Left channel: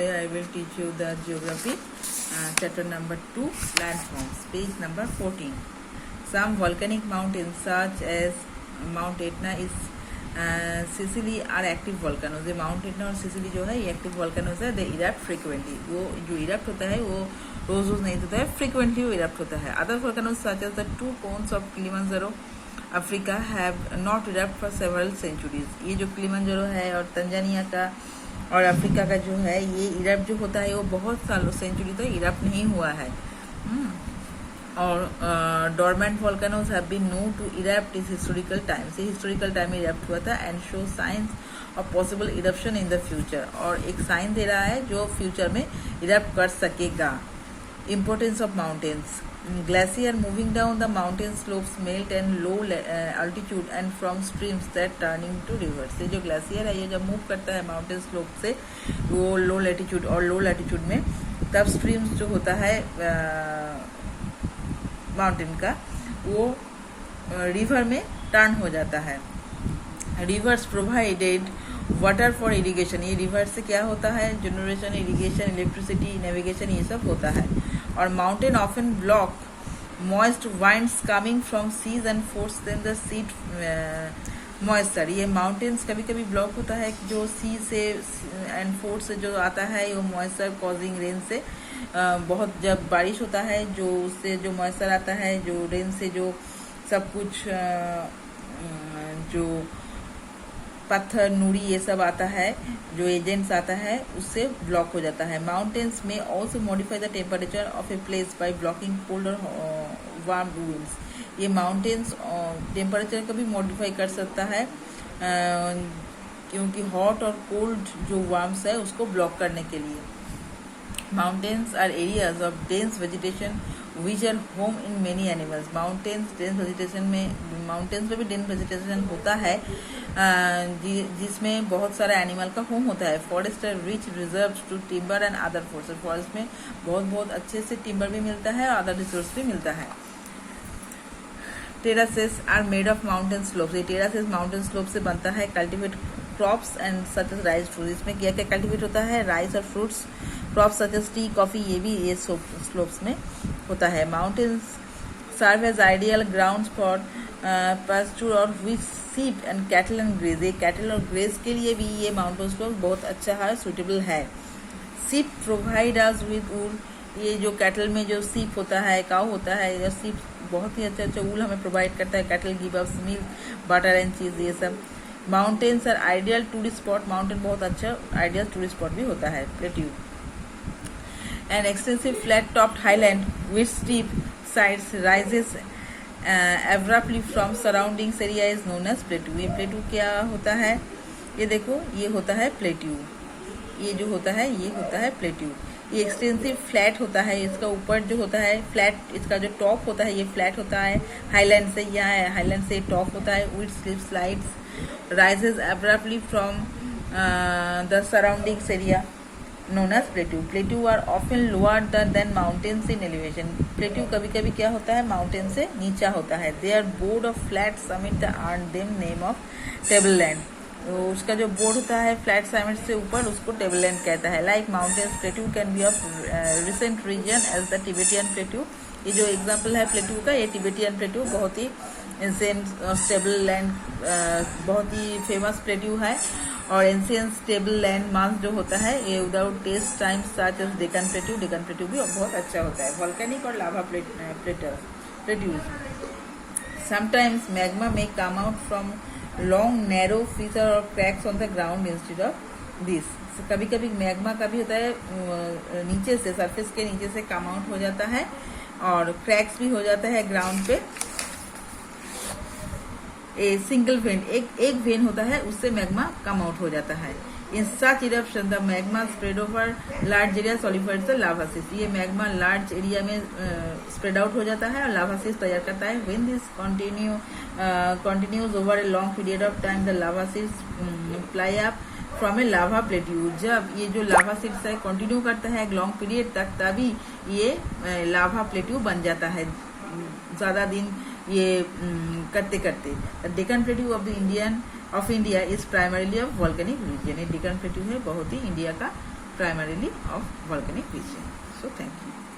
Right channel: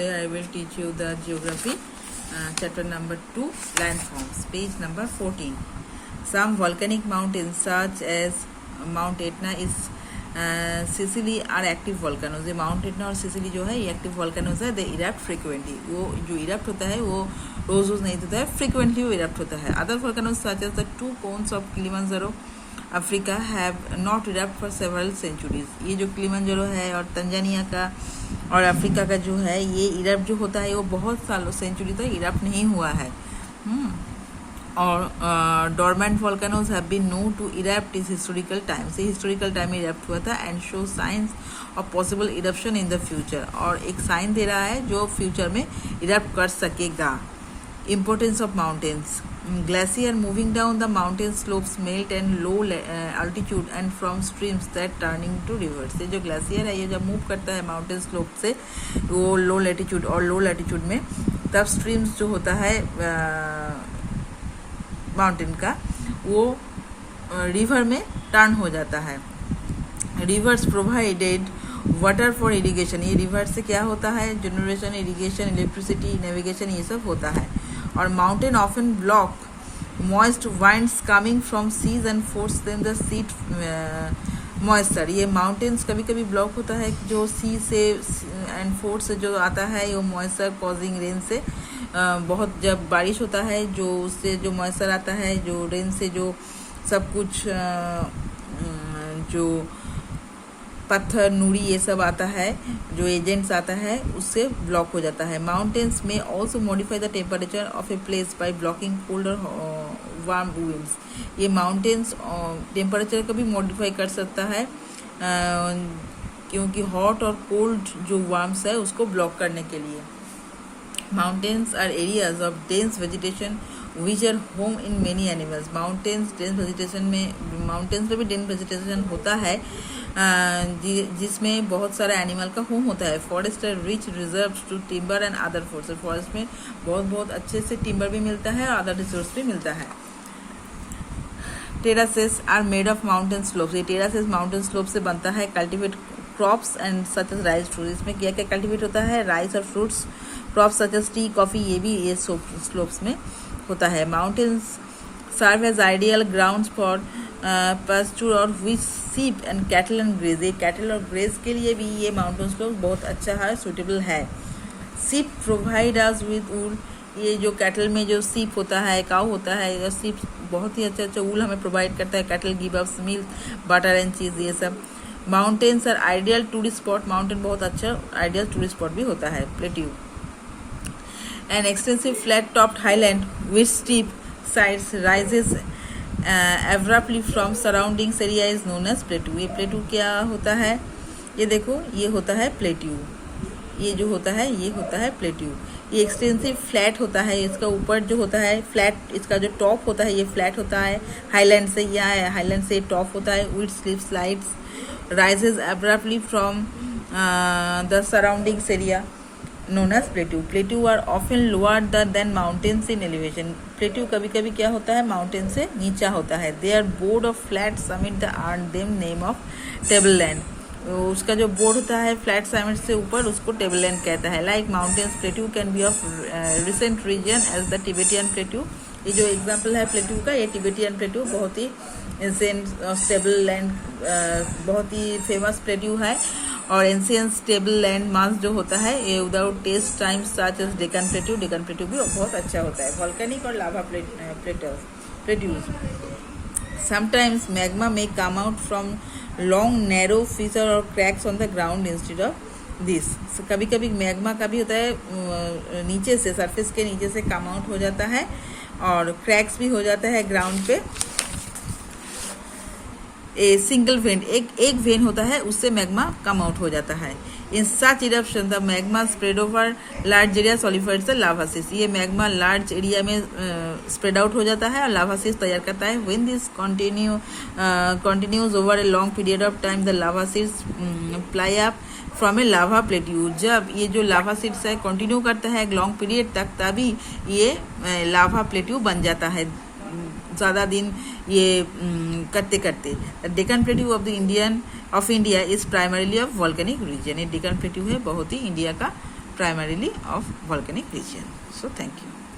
today I will teach you the geography, chapter number 2, landforms, page number 14. Some volcanic mountains such as Mount Etna is Sicily are active volcanoes. ये Mount Etna और Sicily जो है ये active volcanoes है. They erupt frequently. वो जो erupt होता है वो रोज नहीं होता है, frequently वो erupt होता है. Other volcanoes such as the two cones of Kilimanjaro Africa have not erupt for several centuries. ये जो किलिमंजारो है और तंजानिया का और अफ्रीका का जो है ये इरप्ट जो होता है वो बहुत सालों सेंचुरी तक इरप्ट नहीं हुआ है. और dormant volcanoes have been known to erupt इस हिस्टोरिकल टाइम से हिस्टोरिकल टाइम में इरप्ट हुआ था and show signs of possible eruption in the future. और एक साइन दे रहा है जो फ्यूचर में इरप्ट कर सकेगा. Importance of mountains. Glacier moving down the mountain slopes melt and low altitude and from streams that turning to rivers. ये जो ग्लेशियर है ये जब मूव करता है माउंटेन स्लोप से वो लो लैटिट्यूड और लो लैटिट्यूड में तब स्ट्रीम्स जो होता है माउंटेन का वो रिवर में टर्न हो जाता है. Reverse provided water for irrigation. ये रिवर से क्या होता है जनरेशन, इरिगेशन, इलेक्ट्रिसिटी, नेविगेशन ये सब होता है. और mountain often block moist winds coming from seas and force them to shed moisture. ये माउंटेन्स कभी कभी ब्लॉक होता है जो सी से एंड फोर्स से जो आता है वो मॉइस्चर कॉजिंग रेन से बहुत जब बारिश होता है जो उससे जो मॉइस्चर आता है जो रेन से जो सब कुछ जो पत्थर नूरी ये सब आता है जो एजेंट्स आता है उससे ब्लॉक हो जाता है. माउंटेन्स में also modify the temperature of a place by blocking cold और वार्म विंड्स. ये माउंटेन्स टेम्परेचर को भी मॉडिफाई कर सकता है क्योंकि हॉट और कोल्ड जो वार्म्स है उसको ब्लॉक करने के लिए. Mountains are areas of dense vegetation which are home in many animals. Mountains dense vegetation में माउंटेन्स में भी डेंस वेजिटेशन होता है जिसमें बहुत सारा एनिमल का होम होता है. Forest are rich reserves to timber and other forces. Forest में बहुत अच्छे से टिम्बर भी मिलता है और अदर रिसोर्स भी मिलता है. Terraces are made of mountain slopes. ये टेरासेस माउंटेन स्लोप से बनता है. Cultivate crops and such as rice fruit. इसमें क्या क्या कल्टिवेट होता है राइस और fruits. Crop such as tea coffee ये भी ये स्लोप्स में होता है. Mountains serve as ideal ground for pasture और which sheep and cattle and graze. ये कैटल और ग्रेज के लिए भी ये माउंटेन स्लोप बहुत अच्छा है, सूटेबल है. सीप प्रोवाइड अस विद वूल. ये जो कैटल में जो सीप होता है काऊ होता है ये सीप बहुत ही अच्छा वूल हमें प्रोवाइड करता है. Cattle give us milk butter and cheese ये सब. Mountains are ideal tourist spot. Mountain बहुत अच्छा आइडियल टूरिस्ट स्पॉट भी होता है. Plateau an extensive flat topped highland with steep sides rises abruptly from surrounding area is known as plateau. ये plateau क्या होता है ये देखो ये होता है प्लेट्यू. ये जो होता है ये होता है प्लेट्यू. ये एक्सटेंसिव फ्लैट होता है. इसका ऊपर जो होता है फ्लैट इसका जो टॉप होता है ये फ्लैट होता है. हाईलैंड से यहाँ हाईलैंड से टॉप होता है. With slip slides rises abruptly from the surrounding area known as plateau. Plateau are often lower than mountains in elevation. Plateau कभी कभी क्या होता है माउंटेन से नीचा होता है. They are board of flat summit that earn them name of tableland. उसका जो बोर्ड होता है फ्लैट समिट से ऊपर उसको टेबललैंड कहता है. Like mountains plateau can be of recent region as the Tibetan plateau. ये जो एग्जाम्पल है प्लेट्यू का ये टिबेटियन प्लेट्यू बहुत ही स्टेबल लैंड बहुत ही फेमस प्लेट्यू है. और एंशियंट स्टेबल लैंड मास जो होता है ये without test time such as Deccan plateau. Deccan plateau भी बहुत अच्छा होता है. वॉल्केनिक और लावा plateaus. Sometimes magma may come out from long narrow feature और cracks on the ground instead of this. कभी कभी मैग्मा का भी होता है नीचे से सरफेस के नीचे से कम आउट हो जाता है और क्रैक्स भी हो जाता है ग्राउंड पे. ए सिंगल वेन एक वेन होता है उससे मैग्मा कम आउट हो जाता है. In such eruption the magma spread over large area solidified से लावासिस. ये मैग्मा लार्ज एरिया में स्प्रेड आउट हो जाता है और लावासिस तैयार करता है. When this continues over a long period of time the lava sheets fly up from a lava plateau. जब ये जो लावा सीड्स है कंटिन्यू करता है एक लॉन्ग पीरियड तक तभी ये लावा प्लेट्यू बन जाता है. ज़्यादा दिन ये करते करते. Deccan plateau of India is primarily of volcanic region. ये डेक्कन प्लेट्यू है बहुत ही इंडिया का primarily of volcanic region. So thank you.